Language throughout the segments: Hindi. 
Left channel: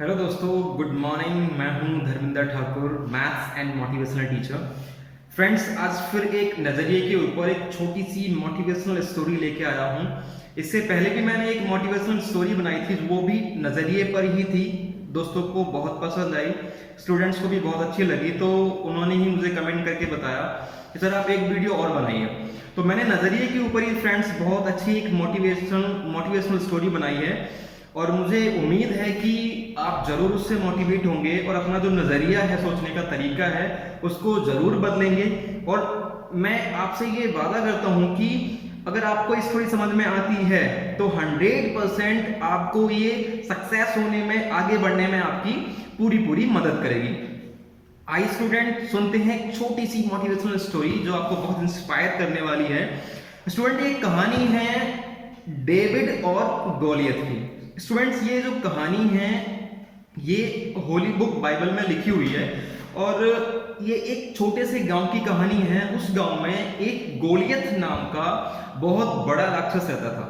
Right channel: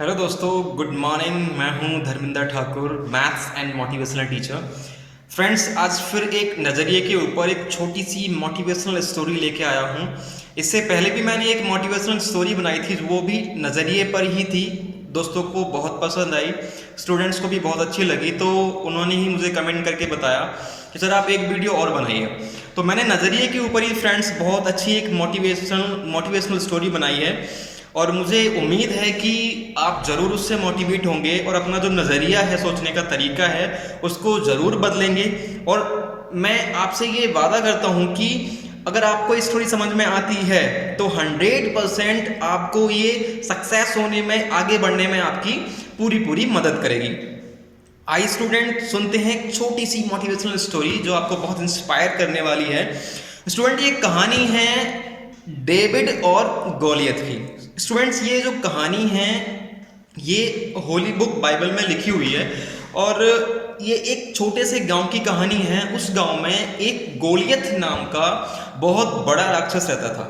हेलो दोस्तों, गुड मॉर्निंग। मैं हूं Dharminder Thakur, maths and motivational teacher. Friends, आज फिर एक नज़रिए के ऊपर एक छोटी सी मोटिवेशनल स्टोरी लेके आया हूं। इससे पहले भी मैंने एक मोटिवेशनल स्टोरी बनाई थी, वो भी नज़रिए पर ही थी। दोस्तों को बहुत पसंद आई, स्टूडेंट्स को भी बहुत अच्छी लगी, तो उन्होंने ही मुझे कमेंट करके बताया कि सर आप एक वीडियो और बनाइए। तो मैंने नज़रिए के ऊपर ही फ्रेंड्स बहुत अच्छी एक मोटिवेशनल स्टोरी बनाई है, और मुझे उम्मीद है कि आप ज़रूर उससे मोटिवेट होंगे और अपना जो नज़रिया है, सोचने का तरीका है, उसको ज़रूर बदलेंगे। और मैं आपसे ये वादा करता हूँ कि अगर आपको ये स्टोरी समझ में आती है तो 100% आपको ये सक्सेस होने में, आगे बढ़ने में आपकी पूरी मदद करेगी। आई स्टूडेंट, सुनते हैं एक छोटी सी मोटिवेशनल स्टोरी जो आपको बहुत इंस्पायर करने वाली है। स्टूडेंट, ये कहानी है डेविड और गोलियत की। स्टूडेंट्स, ये जो कहानी है ये होली बुक बाइबल में लिखी हुई है, और ये एक छोटे से गांव की कहानी है। उस गांव में एक गोलियत नाम का बहुत बड़ा राक्षस रहता था,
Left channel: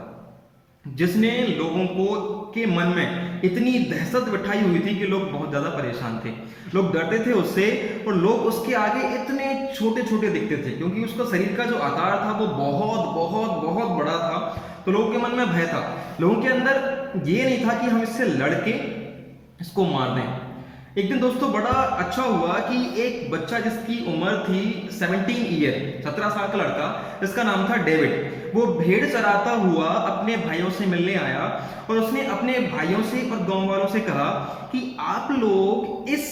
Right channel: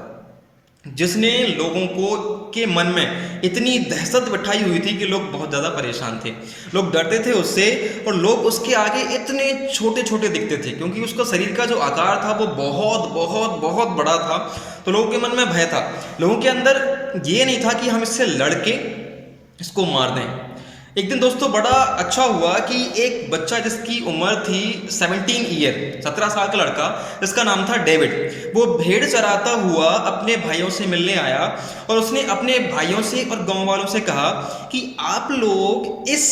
जिसने लोगों को के मन में इतनी दहशत बिठाई हुई थी कि लोग बहुत ज़्यादा परेशान थे। लोग डरते थे उससे, और लोग उसके आगे इतने छोटे छोटे दिखते थे, क्योंकि उसका शरीर का जो आकार था वो बहुत बहुत बहुत बड़ा था। तो लोगों के मन में भय था। लोगों के अंदर ये नहीं था कि हम इससे लड़के इसको मार दें। एक दिन दोस्तों बड़ा अच्छा हुआ कि एक बच्चा जिसकी उम्र थी 17 साल का लड़का, जिसका नाम था डेविड, वो भेड़ चराता हुआ अपने भाइयों से मिलने आया, और उसने अपने भाइयों से और गांव वालों से कहा कि आप लोग इस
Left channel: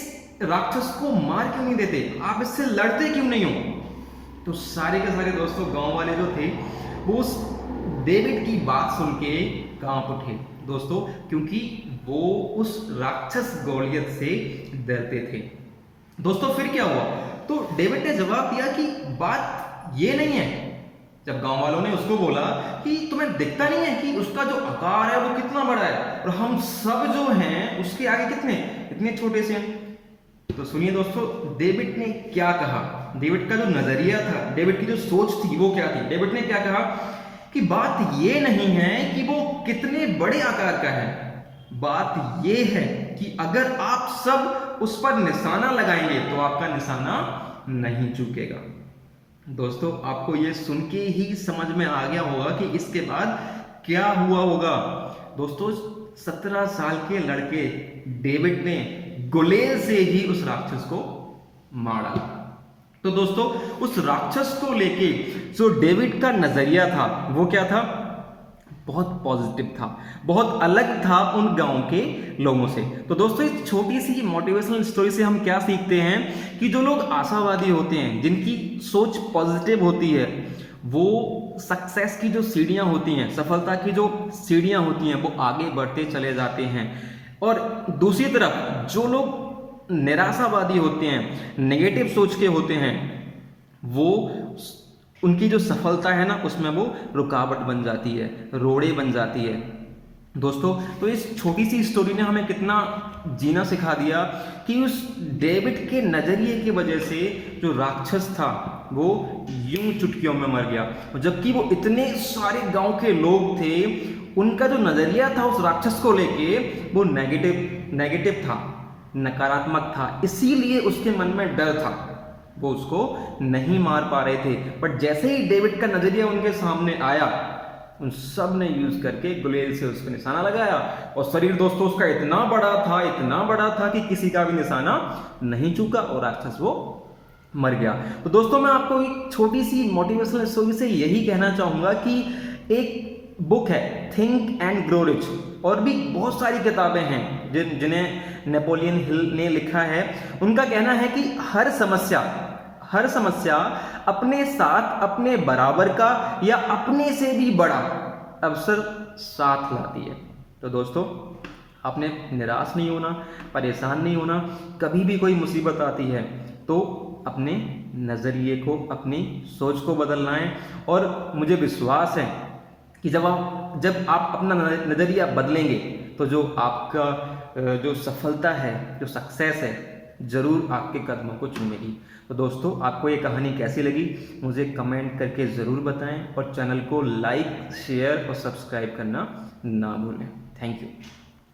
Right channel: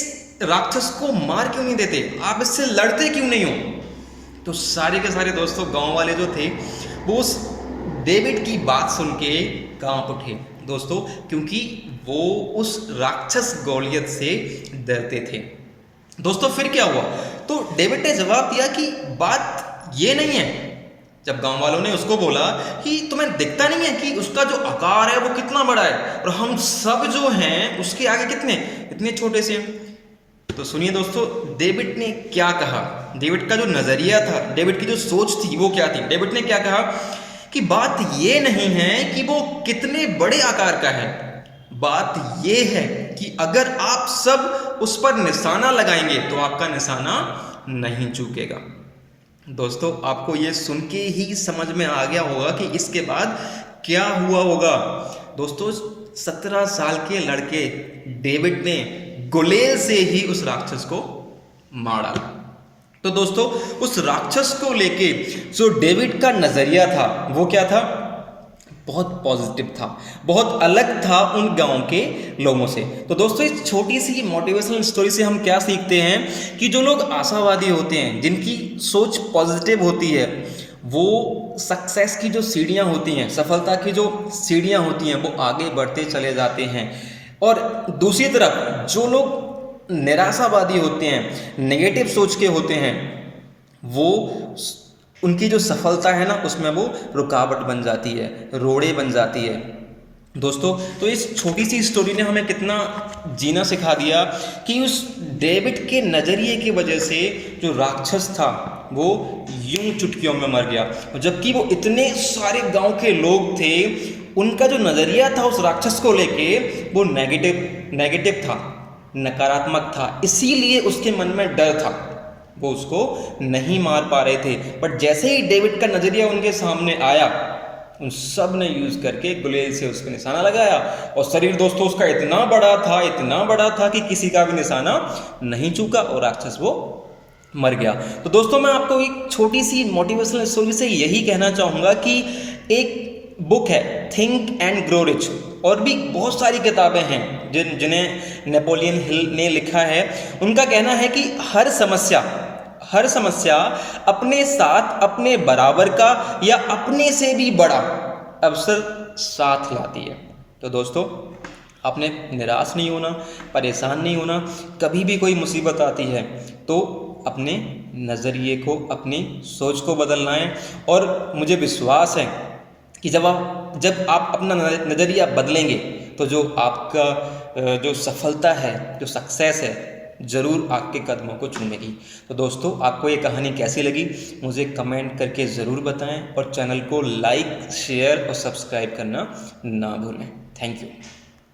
राक्षस को मार क्यों नहीं देते, आप इससे लड़ते क्यों नहीं हो। तो सारे के सारे दोस्तों गांव वाले जो थे वो उस डेविड की बात सुन के कांप उठे दोस्तों, क्योंकि वो उस राक्षस गोलियत से डरते थे। दोस्तों फिर क्या हुआ, तो डेविड ने जवाब दिया कि बात ये नहीं है। जब गांव वालों ने उसको बोला कि तुम्हें दिखता नहीं है कि उसका जो आकार है वो कितना बड़ा है, और हम सब जो हैं उसके आगे कितने इतने छोटे से हैं। तो सुनिए दोस्तों, डेविड ने क्या कहा। डेविड का जो नजरिया था, डेविड की जो सोच थी वो क्या थी। डेविड ने क्या कहा कि बात ये नहीं है कि वो कितने बड़े आकार का है, बात ये है कि अगर आप सब उस पर निशाना लगाएंगे तो आपका निशाना नहीं चूकेगा। दोस्तों, आपको ये सुन के ही समझ में आ गया होगा कि इसके बाद क्या हुआ होगा। दोस्तों, 17 साल के लड़के डेविड ने गुलेल से ही उस राक्षस को मार डाला। तो दोस्तों, उस राक्षस को लेके जो डेविड का नजरिया था वो क्या था, बहुत पॉजिटिव था, बहुत अलग था उन गांव के लोगों से। तो दोस्तों, इस छोटी सी मोटिवेशनल स्टोरी से हम क्या सीखते हैं कि जो लोग आशावादी होते हैं, जिनकी सोच पॉजिटिव होती है, वो सक्सेस की जो सीढ़ियां होती हैं, सफलता की जो सीढ़ियां होती हैं, वो आगे बढ़ते चले जाते हैं। और दूसरी तरफ जो लोग निराशावादी होते हैं, नेगेटिव सोच के होते हैं, वो उनकी जो सफलता है ना, उसमें वो रुकावट बन जाती है, रोड़े बन जाती है। दोस्तों, तो इस छोटी सी स्टोरी ने हमें कितना जीना सिखा दिया कि उस डेविड के नज़रिए की वजह से जो राक्षस था वो यूं चुटकियों में मर गया, और जबकि वो इतने सारे गांव के लोग थे, उनका जो नज़रिया था उस राक्षस को लेके वो नेगेटिव था, नकारात्मक था। इसीलिए उसके मन में डर था, वो उसको नहीं मार पा रहे थे। बट जैसे ही डेविड का नजरिया उनके सामने आया, उन सब ने यूज करके गुलेल से उस पर निशाना लगाया, और शरीर दोस्तों उसका इतना बड़ा था कि किसी का भी निशाना नहीं चूका, और राक्षस वो मर गया। तो दोस्तों, मैं आपको एक छोटी सी मोटिवेशनल स्टोरी से यही कहना चाहूंगा कि एक बुक है थिंक एंड ग्रो रिच, और भी बहुत सारी किताबें हैं जिन्हें नेपोलियन हिल ने लिखा है। उनका कहना है कि हर समस्या अपने साथ अपने बराबर का या अपने से भी बड़ा अवसर साथ लाती है। तो दोस्तों, आपने निराश नहीं होना, परेशान नहीं होना। कभी भी कोई मुसीबत आती है तो अपने नज़रिए को, अपनी सोच को बदलना है। और मुझे विश्वास है कि जब आप अपना नज़रिया बदलेंगे तो जो आपका जो सफलता है, जो सक्सेस है, ज़रूर आपके कदमों को चूमेगी। तो दोस्तों, आपको ये कहानी कैसी लगी मुझे कमेंट करके ज़रूर बताएं, और चैनल को लाइक, शेयर और सब्सक्राइब करना ना भूलें। Thank you.